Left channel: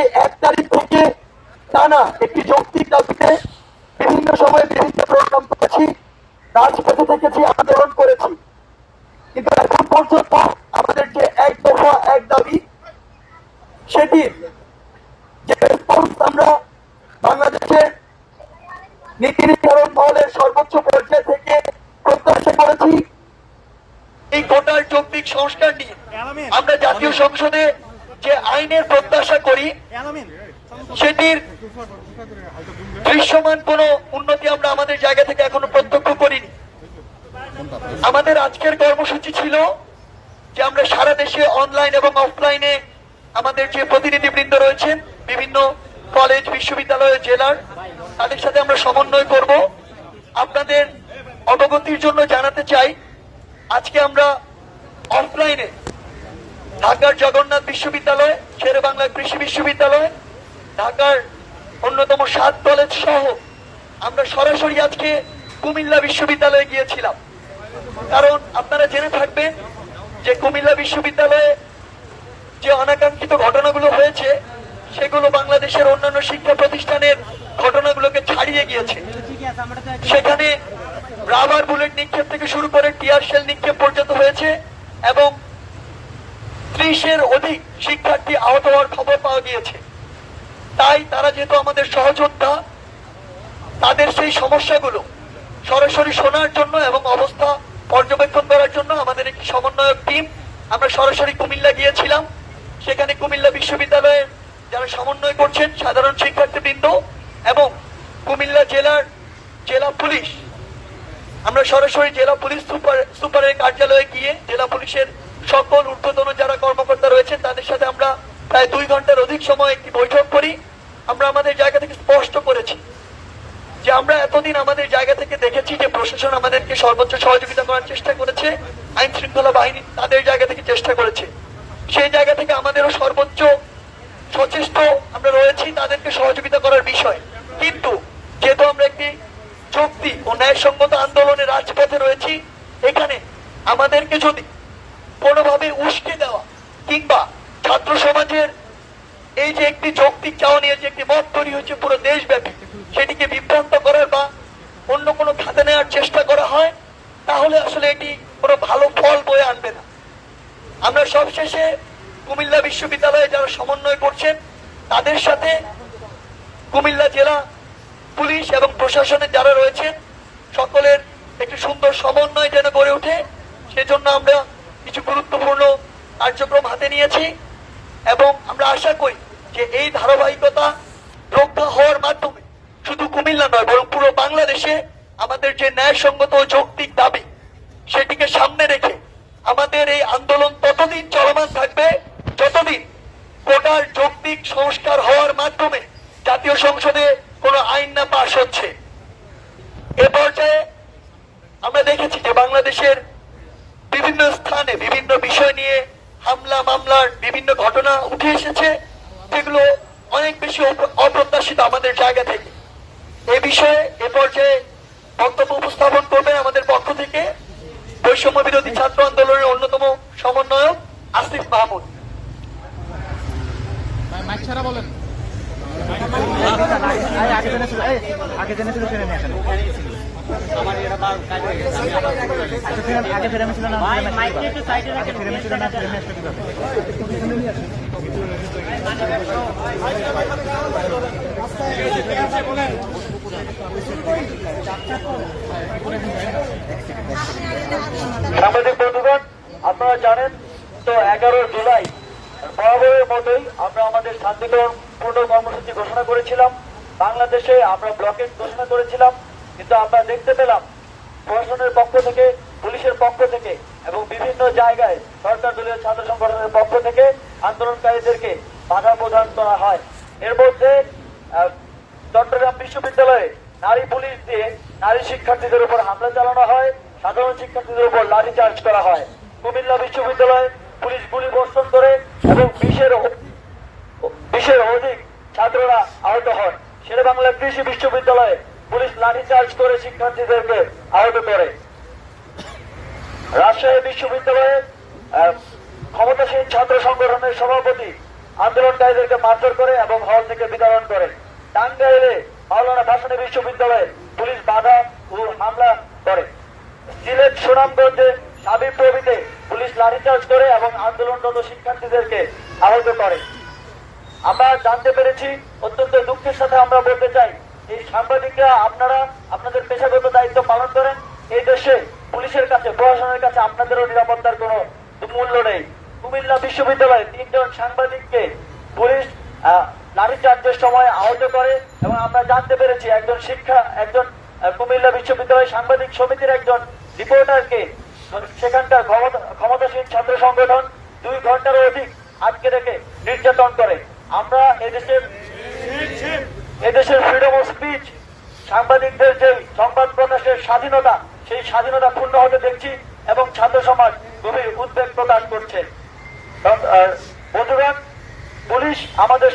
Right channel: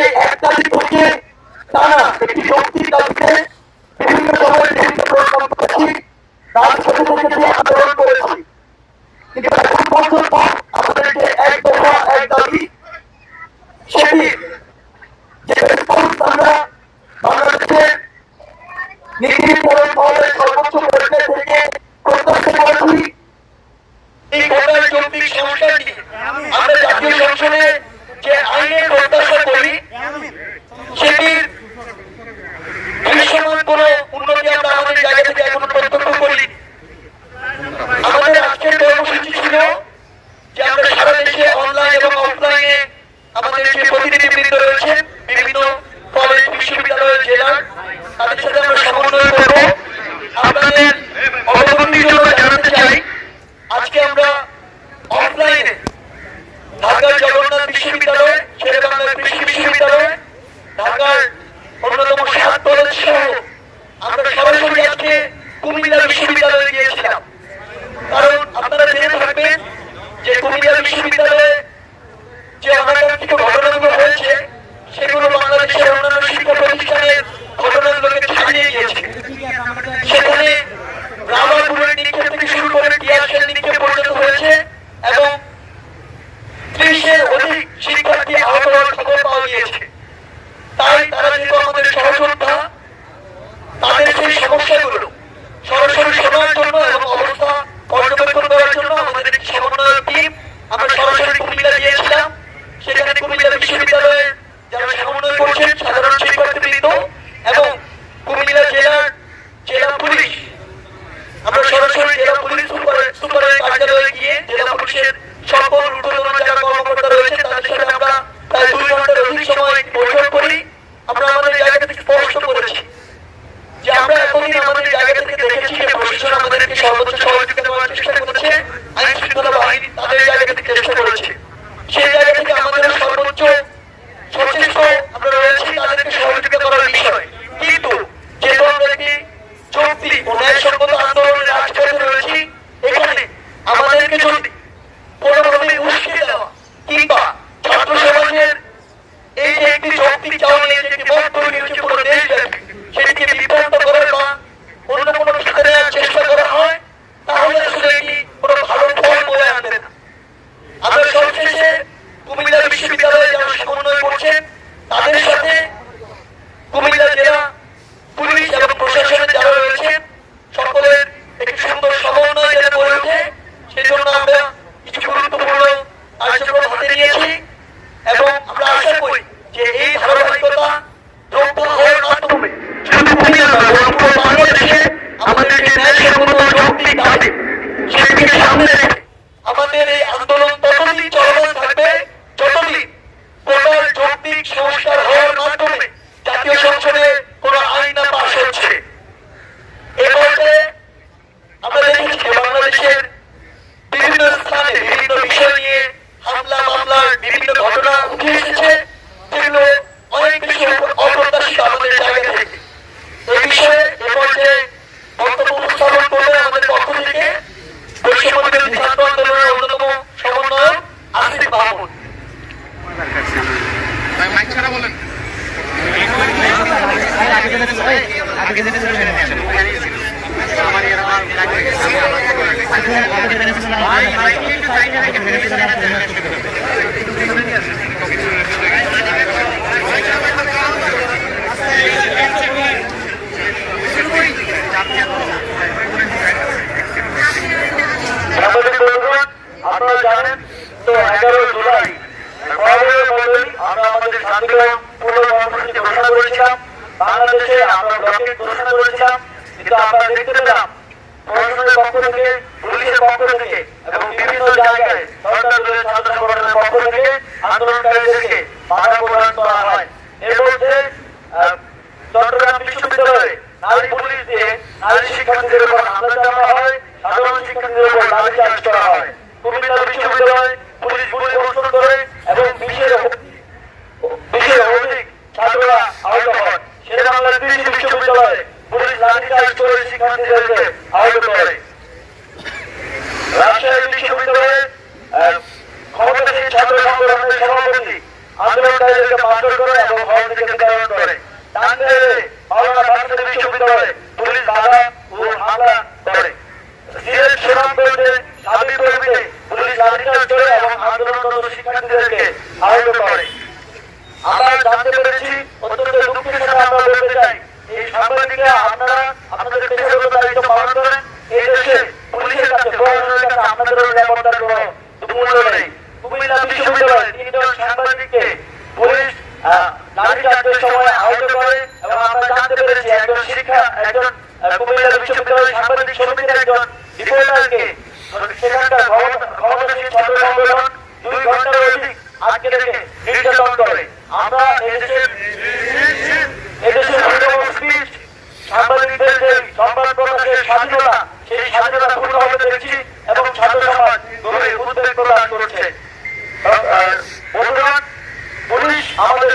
সেই এক তারিখ থেকে টানা একটি যৌক্তিক দাবিতে বিভিন্ন সময়ে বিভিন্ন প্রোগ্রাম করেছি, রাজপথে থেকেছি, আন্দোলন করেছি, কিন্তু এখন পর্যন্ত আমাদের যে এক দফা এক দাবি সেটি যে রেসপন্স আমরা বাংলাদেশের নীতি নির্ধারণ মহলের সর্বোচ্চ পর্যায় থেকে প্রত্যাশা করেছি, এই টোটাল যৌক্তিক সংস্কারটি আমরা জাতীয় সংসদে যে আইনের প্রত্যাশা করি সেটির দৃশ্যমান কোন উন্নতি আমরা আমাদের জায়গা থেকে এখনো প্রত্যক্ষ করি। আমাদের আজকের কর্মসূচি ছিল যে আমরা সারা দেশে অনলাইন এবং অফলাইনে আমাদের যে প্রতিনিধিবৃন্দ রয়েছে বিভিন্ন কলেজ, বিশ্ববিদ্যালয়, জেলার, তাদের সাথে আমরা সমন্বয় করব। আপনাদের অবগতির জন্য জানাতে চাই, আজকে আমরা অফলাইনে ঢাকার জগন্নাথ বিশ্ববিদ্যালয়, শেরেবাংলার কৃষি বিশ্ববিদ্যালয়, ঢাকার অন্যতম 7 কলেজ সহ আমরা সরাসরি আজকে কুমিল্লা বিশ্ববিদ্যালয়ে গিয়েছিলাম। কারণ আপনারা জেনে থাকবেন যে কুমিল্লা বিশ্ববিদ্যালয়ে যে অনাকাঙ্ক্ষিত ঘটনাগুলো হয়েছে সেগুলো বাংলাদেশের অন্যান্য শিক্ষা প্রতিষ্ঠানের ঘটনাগুলোকে ছাড়িয়ে গিয়েছে। সেখানে রাবার বুলেট নিক্ষেপ থেকে শুরু করে টিয়ার শেল নিক্ষেপ পর্যন্ত হয়েছে এবং 30-এর অধিক শিক্ষার্থী আহত হওয়ার খবর পাওয়া গিয়েছে। তাই তারা যেহেতু আমাদের সহযোদ্ধা, তাদের সেই সমস্যাগুলো সরাসরি শোনার জন্য এবং অবস্থা পর্যবেক্ষণ করার জন্য আমাদের একটি সমন্বয়ক টিম আমরা সরাসরি কুমিল্লা গিয়েছিলাম। সেখানে কুমিল্লা বিশ্ববিদ্যালয়ে যারা সমন্বয় করছেন সাধারণ শিক্ষার্থীবৃন্দ এবং কুমিল্লা জেলা পুলিশ, আমরা সরাসরি জেলা পুলিশ সুপারের কার্যালয়ে গিয়ে জেলা পুলিশের সকল ঊর্ধ্বতন যারা কর্মকর্তা রয়েছে তাদের সাথে আমরা প্রায় 2 ঘন্টার অধিক সময় বৈঠক করি। আমরা আমাদের জায়গা থেকে স্পষ্ট করেছি যে আমরা এতদিন আমাদের জায়গা থেকে দেখেছি যে প্রশাসন আমাদেরকে সর্বোচ্চ সহযোগিতা করার চেষ্টা করেছে, আইন শৃঙ্খলা বাহিনী তাদের জায়গা থেকে চেষ্টা করেছে, সেই জায়গা থেকে আমাদেরও সর্বোচ্চ সচেষ্ট আমরা রয়েছি তাদেরকে সহযোগিতা করার বিষয়। কিন্তু যেহেতু আমরা একটি যৌক্তিক ও ন্যায়সঙ্গত আন্দোলনের রাজপথে রয়েছি, এখানে আমাদেরকে যদি কোনোভাবে উস্কে দেওয়া কিংবা ছাত্র সমাজের এই যে একটি যৌক্তিক চাওয়া নিয়ে যে একটি মত তৈরি হয়েছে পুরো দেশব্যাপী, সেটিকে বিভ্রান্ত করার বা অন্য কোনো খাতে নেওয়ার চেষ্টা করা হয়, তাহলে আসলে এটি কোনো ভালো ফল বয়ে আনবে না। আমরা সবশেষে কুমিল্লা বিশ্ববিদ্যালয়ে যারা সমন্বয় করছেন তাদের সাথে কুমিল্লা জেলা পুলিশ এবং প্রশাসনের যারা রয়েছে সকলের একটি সুন্দর সমন্বয় যেন গড়ে ওঠে, সেজন্য আমরা কিছু গুরুত্বপূর্ণ কার্যক্রম হাতে নিয়েছি এবং আমরা আশা করি যে এই ধারাবাহিকতা রক্ষা হওয়ার মাধ্যমে শুধু কুমিল্লা নয় বরং পুরো বাংলাদেশে আমাদের যে ন্যায়সঙ্গত যৌক্তিক দাবি সেটিকে সামনে রেখে আমাদের এই আন্দোলন ততদিন চলমান থাকবে যতদিন টোটাল যৌক্তিক সংস্কার হওয়ার মাধ্যমে জাতীয় সংসদে কোন আইন না পাশ হচ্ছে। এ পর্যায়ে আমরা দেখেছি যে বাংলাদেশের বিভিন্ন স্থানে বিভিন্ন বিষয় নিয়ে হামলা মামলার বিভিন্ন ঘটনা উঠে এসেছে, যেগুলো অনেক বেশি অপ্রত্যাশিত আমাদের জায়গা থেকে। এই বিষয়ে এ পর্যায়ে বক্তব্য উপস্থাপন করবেন আমাদের পক্ষ থেকে বৈষম্য বিরোধী ছাত্র আন্দোলনের অন্যতম সমন্বয়ক আসিফ মাহমুদ। আমাদের বন্ধুগণ, আপনারা জানেন তো 11 জুলাই বরাবরের মতোই আমরা আমাদের শান্তিপূর্ণ কর্মসূচি ঘোষণা করেছিলাম। বাংলাদেশে আমরা ব্লকেট ঘোষণা করেছিলাম, কিন্তু আমরা দেখতে পেলাম প্রশাসনের পক্ষ থেকে, পুলিশের পক্ষ থেকে এবং বিভিন্ন জায়গায় সরকার দলের ছাত্র সংগঠনের পক্ষ থেকে আন্দোলনকারীদেরকে বাধা প্রদান করা হয়। এর মধ্যে চট্টগ্রাম বিশ্ববিদ্যালয়ে নারী পুলিশ দিয়ে নারী শিক্ষার্থীদের উপর হামলা চালানো হয়, সাধারণ শিক্ষার্থীদের উপর লাঠিচার্জ করা হয়। কুমিল্লা বিশ্ববিদ্যালয় পুলিশ পরিদর্শন করে এবং 20-এর অধিক ছাত্ররা আহত হয়। শেরেবাংলা কৃষি বিশ্ববিদ্যালয়ে পুলিশ লাঠিচার্জ করে শিক্ষার্থীদেরকে আহত করে। রাজশাহী বিশ্ববিদ্যালয়ে ক্ষমতাসীন ছাত্র সংগঠনের সভাপতি আন্দোলনকারীদেরকে মারধর করে এবং হল থেকে বিতরণ করে। টাঙ্গাইলে মাওলানা ভাসানী বিশ্ববিদ্যালয়ে পুলিশ বাধা ও হামলা করে। সিলেট সুনামগঞ্জে সাবিরগঞ্জে পুলিশ লাঠিচার্জ করে এবং আন্দোলনরত শিক্ষার্থীদেরকে আহত করে। আমরা জানতে পেরেছি, অত্যন্ত দুঃখের সাথে আমরা বলতে চাই, এই সাংবাদিকরা আপনারা আপনাদের পেশাগত দায়িত্ব পালন করেন। এই দেশে পুলিশের কাছে, প্রশাসনের কাছে আপনাদেরও নিরাপত্তার কোনো মূল্য নেই। কুমিল্লা বিশ্ববিদ্যালয়ে 3 জন সাংবাদিককে পুলিশ লাঠিচার্জের সময় আহত করে এবং আমরা জানতে পেরেছি একজন কুমিল্লা বিশ্ববিদ্যালয়ের সাংবাদিক সমিতির একজন রিপোর্টারকে সেখানকার ক্ষমতাসীন ছাত্র সংগঠন 2 ঘন্টারও অধিক আজকে রেখে নির্যাতন করে। আমরা এদেশের ফ্রিডম অফ স্পিচ, সাংবাদিকদের যে সংবাদ প্রকাশের স্বাধীনতা, সেই স্বাধীনতা পূর্ণ হতে দেখছি এবং ছাত্র সমাজ গভীর উদ্বেগ প্রকাশ করছে। বন্ধুগণ, পুলিশ আমাদের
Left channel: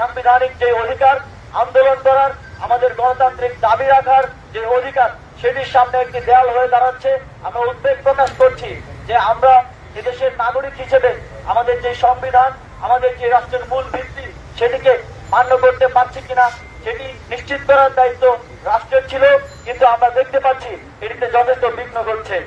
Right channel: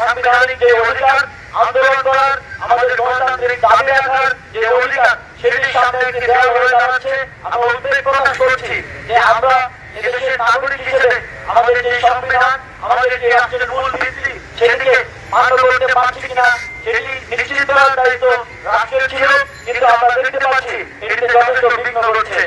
সাংবিধানিক যে অধিকার, আন্দোলন করার, আমাদের গণতান্ত্রিক দাবি রাখার যে অধিকার, সেটির সামনে একটি দেয়াল হয়ে দাঁড়াচ্ছে। আমরা উদ্বেগ প্রকাশ করছি যে আমরা এদেশের নাগরিক হিসেবে আমাদের যে সংবিধান, আমাদের যে রাষ্ট্রের মূল ভিত্তি, সেটিকে মান্য করতে পারছি কিনা সেটি নিশ্চিত করার দায়িত্ব রাষ্ট্রের ছিল, কিন্তু আমরা দেখতে পাচ্ছি এটিতে যথেষ্ট বিঘ্ন ঘটছে।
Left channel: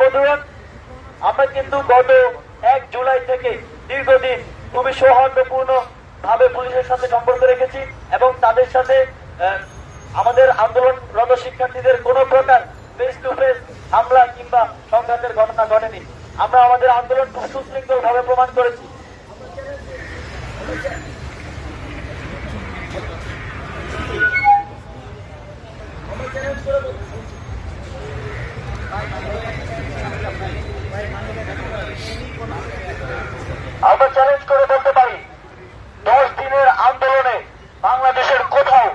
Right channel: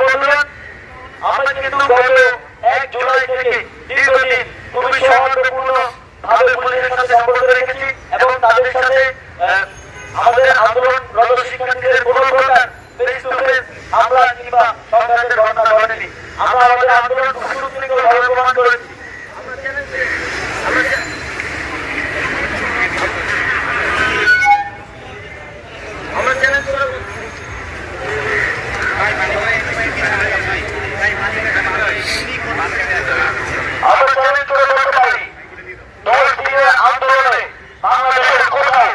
বন্ধুগণ, আমরা কিন্তু গত 1 জুলাই থেকে দীর্ঘদিন খুবই সৌহার্দ্যপূর্ণ ভাবে পুলিশের সাথে সম্পর্ক রেখেছি এবং তাদের সাথে আমাদের আন্দোলনরত শিক্ষার্থীদের কোন প্রকার ফেস টু ফেস হামলা কিংবা সংঘাতের ঘটনা ঘটেনি। আমরা আমাদের আন্দোলন সুশৃঙ্খলভাবে প্রমাণ করেছি। আমরা চ্যালেঞ্জ করে বলতে পারি, 10 দিনের আন্দোলনে বাংলাদেশের কোথাও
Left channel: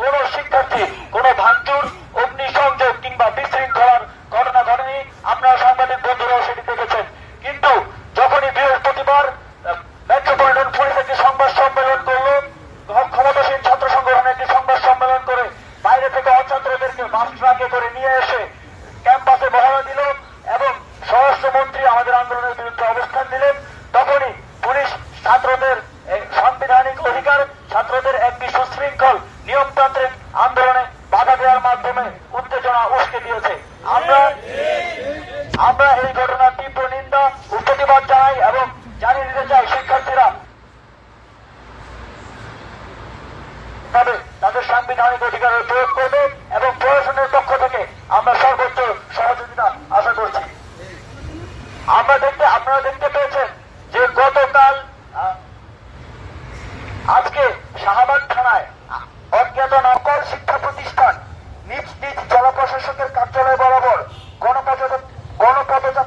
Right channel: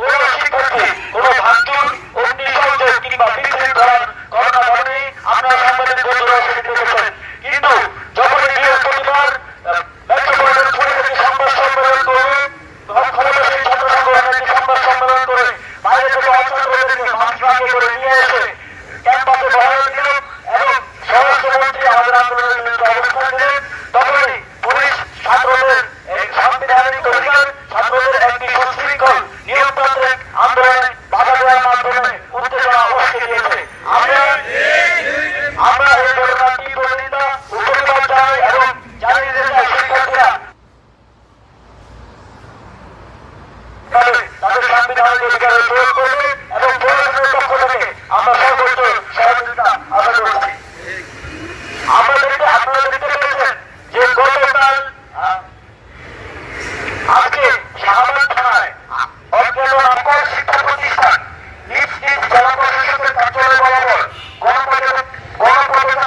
কোন শিক্ষার্থী কোন ভাঙচুর, অগ্নিসংযোগ কিংবা বিশৃঙ্খলার ঘটনা ঘটেনি। আপনারা সাংবাদিক বন্ধুরাও সেটি দেখেছেন। কিন্তু যখনই বৃহস্পতিবার মেট্রোপলিটন পুলিশ সংবাদ সম্মেলন করলেন, ক্ষমতাসীন ছাত্র সংগঠন একটি সংবাদ সম্মেলন করে বাইরে থেকে অছাত্রদেরকে মাঠে করে নিয়ে এসে ক্যাম্পাসে বহাল দিল এবং স্বরাষ্ট্রমন্ত্রী আমাদের আন্দোলনের বিরুদ্ধে অবস্থান দিলেন, তখনই পুলিশ ছাত্রদের সাংবিধানিক অধিকার, ছাত্রদের একটি সুশৃঙ্খল নিয়মতান্ত্রিক আন্দোলনে বাধা দেওয়ার মাধ্যমে উত্তেজনা উস্কে দিয়েছে। আমরা এই ঘটনার তীব্র নিন্দা ও প্রতিবাদ জানাই এবং জানিয়ে দিতে চাই শিক্ষার্থীরা তাদের সাংবিধানিক অধিকারের প্রয়োগ করবে এবং প্রশাসনের পক্ষ থেকে আমরা সর্বোচ্চ সহযোগিতা আশা করছি। আপনারা দেখতে পেয়েছেন যে গতকাল আজকে শাহবাগ থানায় অজ্ঞাত নামকর শিক্ষা প্রতিষ্ঠান নিজ নিজ জেলা প্রশাসকের কার্যালয় বরাবর গণপদযাত্রা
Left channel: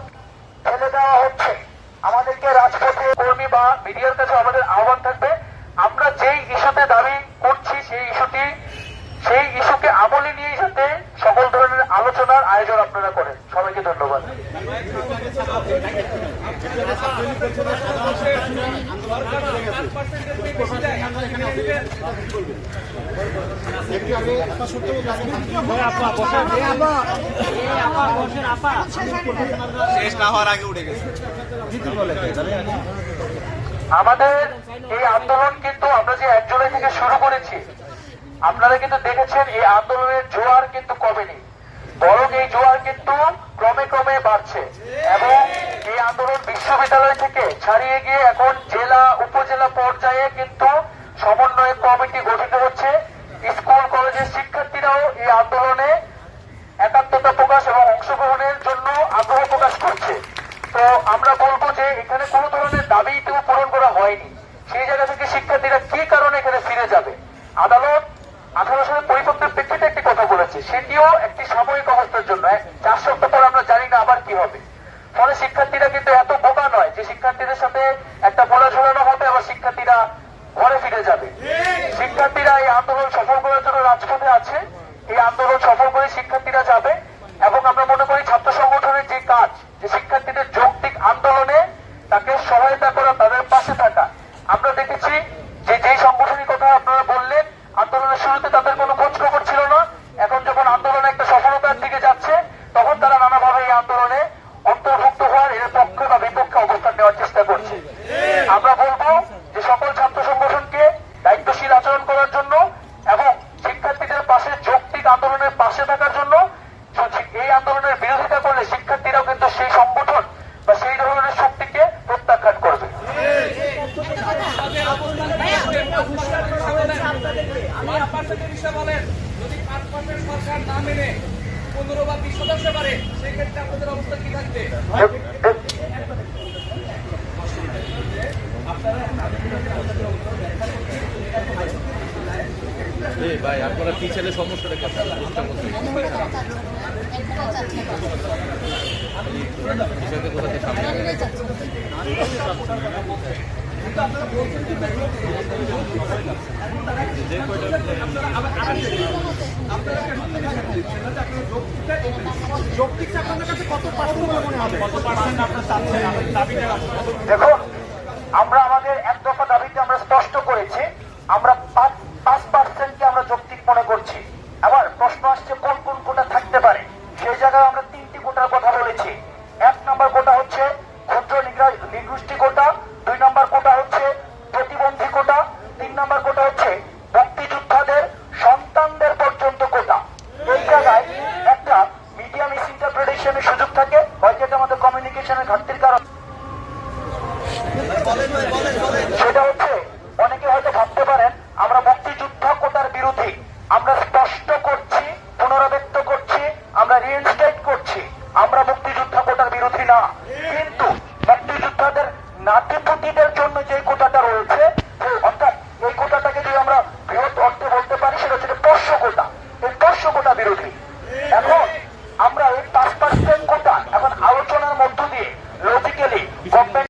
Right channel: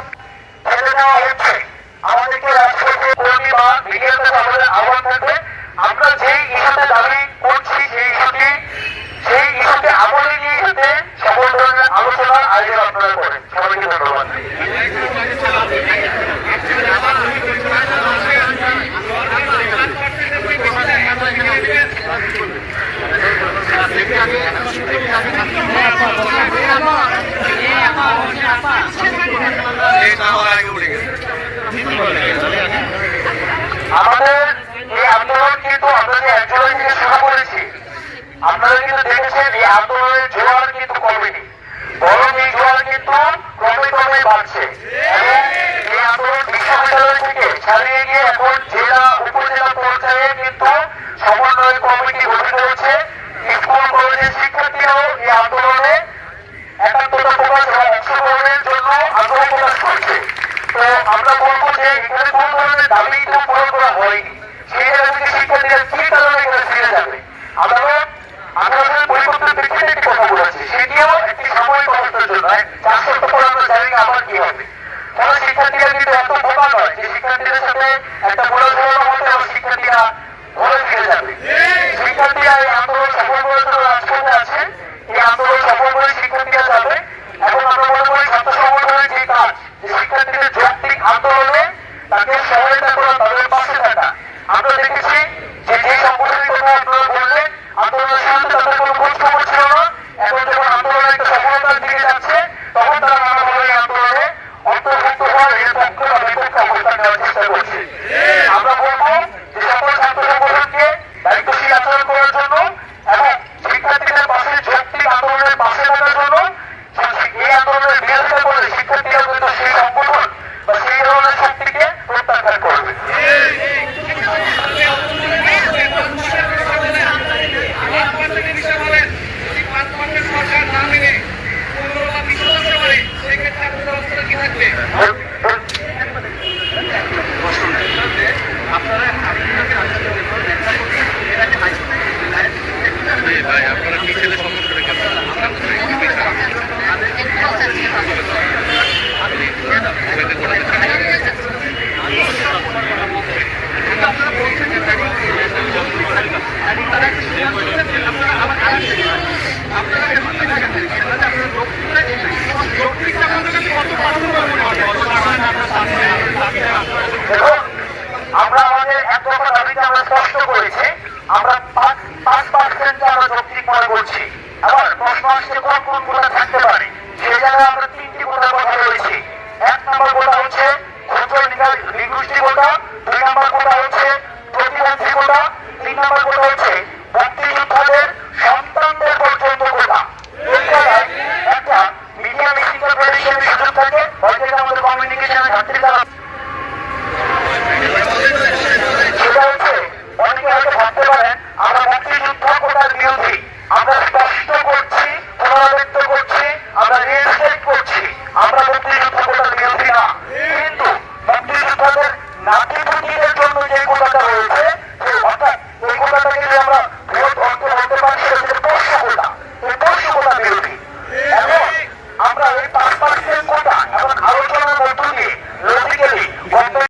ফেলে দেওয়া হচ্ছে। আমাদেরকে রাজপথে কর্মী বা মিডিয়ার কাছে আমাদের আহ্বান থাকবে, আমরা যেই ইস্যুতে দাবি করছি সেই ইস্যুকে আমলে নিয়ে যেতে সকল ধরনের আলোচনার আয়োজন আপনারা করেন। সবাইকে ধন্যবাদ। আমাদের এই আন্দোলন কিন্তু আমরা যে 1 জুলাই থেকে শুরু করেছি, আপনারা কিন্তু দেখেছেন এই আন্দোলনের জোয়ার কিন্তু কমেনি, বরং এই জোয়ার কিন্তু ক্রমে ক্রমে বাড়ছে এবং এই আন্দোলন বিশ্ববিদ্যালয় থেকে ছাড়িয়ে গিয়ে এখন জেলা উপজেলা পর্যায়ে কিন্তু সমন্বয় কমিটি গঠিত হচ্ছে। স্কুল কলেজের শিক্ষার্থীরাও এই আন্দোলনে একাত্মতা প্রকাশ এবং অংশগ্রহণের জন্য আগ্রহ প্রকাশ করছে। তো আমরা বলবো যে এখানে কোন ধরনের দাবি কিন্তু পূরণ করা হয়নি, সেই জায়গা থেকে শিক্ষার্থীরা কি কারণে এখানে ফিরে যাবে। আদালত 18 পরিবর্তন ব্যক্তিতে একটি কথা বলেছে, সেটিও একটি সাময়িক অবস্থার জন্য, 4 সপ্তাহ পর আমরা জানি না আবার কি হবে। ফলে শিক্ষার্থীরা কিন্তু এত বোকা নয় যে শিক্ষার্থীদের সাথে একটা বলে ধরানো হবে এবং শিক্ষার্থীরা ঘরে ফিরে যাবে। শিক্ষার্থীরা এই আন্দোলন সফল করার জন্য রাজপথে আছে, এই আন্দোলন সফল করে শিক্ষার্থীরা যাবে এবং আমরা মনে করি ছাত্র সংগঠনের যে কাজ, যে শিক্ষার্থীদের যৌক্তিক আন্দোলনে তাকে সহায়তা করা, তাদের পাশে থাকা। আমরা দেখেছি যে সংগঠনের কথা আপনারা বললেন, আন্দোলনের শুরুতে তাদের কোনো খোঁজ খবর ছিল না, এখন যখন আন্দোলন একটা সফলতার দিকে যাচ্ছে তখন তারা নানাভাবে এই আন্দোলনে অন্তর্ভুক্ত হওয়ার এর পক্ষে বা বিপক্ষে অবস্থান নেওয়ার চেষ্টা করছে। আমরা বলবো যে দেখুন, আমরা আমাদের এক দফা দাবিতে আমরা স্পষ্ট করেছি, আমরা 5% আমরা যৌক্তিক মনে করছি। আবার প্রশ্ন আসছে কোন কোন কোটা থাকতে পারে, সেই জায়গায় আমরা 3টি কোটার কথা বলেছি। 1 নম্বর কোটা হচ্ছে ক্ষুদ্র নৃগোষ্ঠী কোটা, 2 নম্বর কোটা হচ্ছে প্রতিবন্ধী কোটা, 3 নম্বর কোটা হচ্ছে মুক্তিযোদ্ধাদের সন্তানদের পর্যন্ত কোটা। এই জায়গায় একটা মিডিয়া টেকনিক্যাল রিলেশনের সুযোগ থাকে, হয়তো এটা আমাদের কমিউনিকেশনের ঘাটতির দ্বারা